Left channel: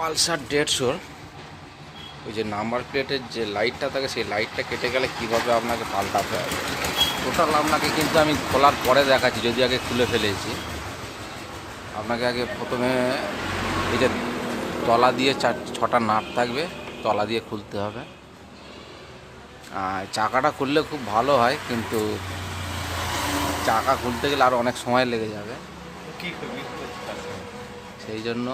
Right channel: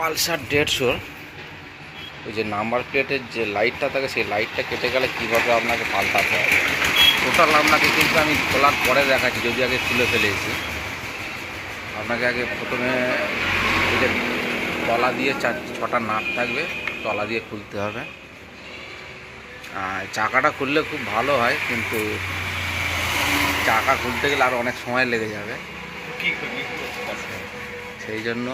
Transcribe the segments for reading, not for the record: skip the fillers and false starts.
Pulsar 150 ওই যে number প্লেটের যে লাইটটা থাকে সেই লাইটটা কেটে গেলে কীভাবে আপনাকে পাল্টাতে হবে টোটাল আপনাকে কিন্তু আমি খোলার পরে দেখাচ্ছি, যদি আগে খুলে ফেলেছি। আপনাকে আগে প্রথমে এই যে তলা দিয়ে 6টা নাট থাকবে, তলা দিয়ে খুলতে হবে। চাকাটা খুললে খুব ভালো হয়, কিন্তু চাকা খুলতে গেলে আরও অনেক সময় লেগে যাবে। সেই জন্য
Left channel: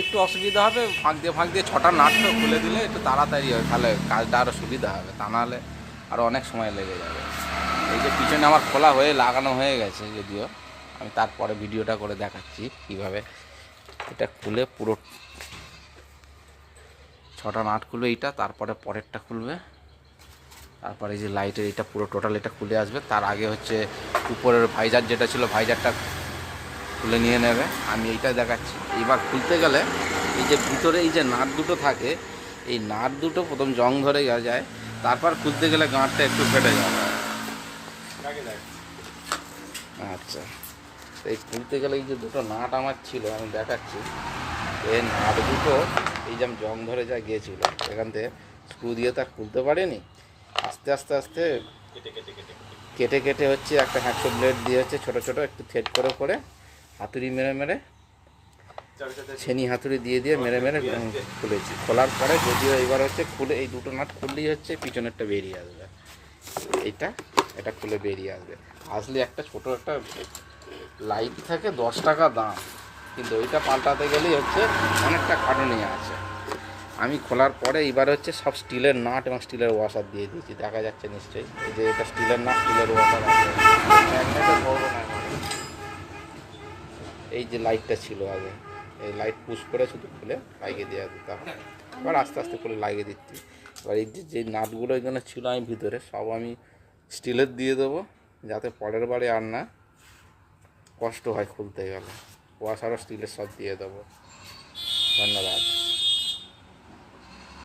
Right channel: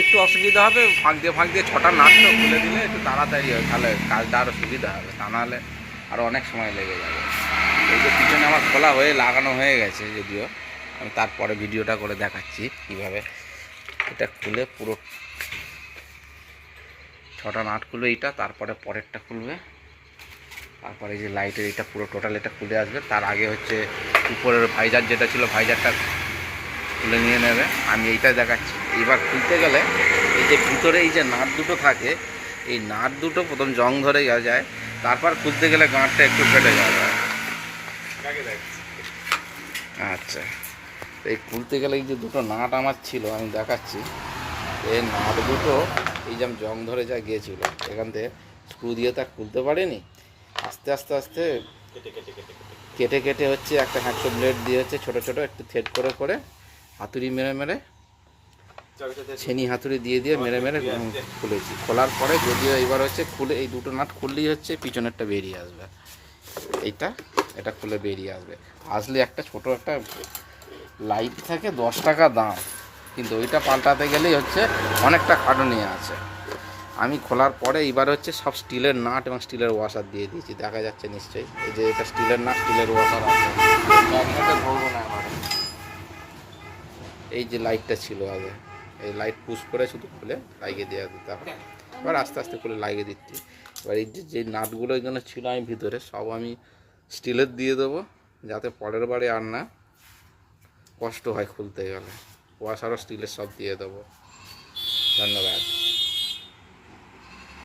একটু অসুবিধা হবে, ফাঁক দিয়ে 6টা নাটটা খুলে দিলে একটু তাড়াতাড়ি হবে, তাহলে কাজটা আরও সুবিধা হবে। তা নাহলে আরও অনেক সময় লেগে যাবে। এই যে পিছনে আমার খোলা হয়ে লাগানো হয়ে গেছে, যদিও আমি তারপরে ভিডিওটা করে দেখাচ্ছি কীভাবে এটা খুলে পুরো 6টা নাট খুলবে এইটা, তারপরে পরেরটা খুলবে, তারপরে এই যে লাইটের এটা পুরো টোটাল এটা খুলে আসবে। তার আগে হচ্ছে উপরের ভাইজার যেটা ছিল ভাইজারটা খুলে নিয়ে নেবে। আমি এইটা দেখাচ্ছি। এইবার খুলতে গেলে এই যে ভিতরে এই যে নাট দুটো থাকে, এই নাট দুটো প্রথম জং ধরে যায়, তারপর খুলতে গেলে গাঁটটা একটু ফেটে যাবে। আচ্ছা, এই খুলতে গেলে এই যে দুটো নাট আমার ছিল আমি দেখাচ্ছি। এই নাট দুটো এই যে জং ধরে যা গিয়েছিল, এখান থেকে স্ক্রু দিয়ে তো আর খুলতে পারিনি, আস্তে আস্তে আস্তে কেটে কেটে হচ্ছে একটা হ্যাকশো ব্লেড দিয়ে হচ্ছে ছোটো ছোটো একটু থ্রেড করে করে হাতুড়ি মেরে মেরে, ছেনি হাতুড়ি দিয়ে দিয়ে মেরে মেরে খুলেছি। খোলার পরে যদিও এবার হচ্ছে খুলে এই দুটো নাট খুললেই হচ্ছে পিছনেরটা বেরিয়ে আসবে, এটা খুলে বেরিয়ে আসবে। আসলে একটা ছোটো একটা লাইট থাকে 10 টাকা দাম, কিন্তু ওইটা পাল্টাতে গেলেই হচ্ছে অনেকটা খাটুনি আছে। আমি খোলার পরে এবার হচ্ছে সব স্টিলের নাট এবং স্টিলের ওয়াশার দিয়ে দিয়েছি, দেখা যাচ্ছে নিশ্চয়ই। এই যে এটা স্টিলের নাট, স্টিলের ওয়াশার আছে, ম্যাগনেটে ধরবো না। এই যে লাইটটা ছিল আগে, এই লাইট পুশ করে শুধু খুলে লাগিয়ে দেওয়া দিতাম, এবার আস্তে আস্তে করে লাগিয়ে দিচ্ছি। এবার এই যে নাটগুলো এখানে ছিল আমি ভিতরে সব আমি স্টিলের দিয়ে দেবো, যাতে পরের বারে আর না কষ্ট হয় খুলতে গেলে। ওয়াশারও স্টিলের সব দিয়ে দেবো। ধন্যবাদ।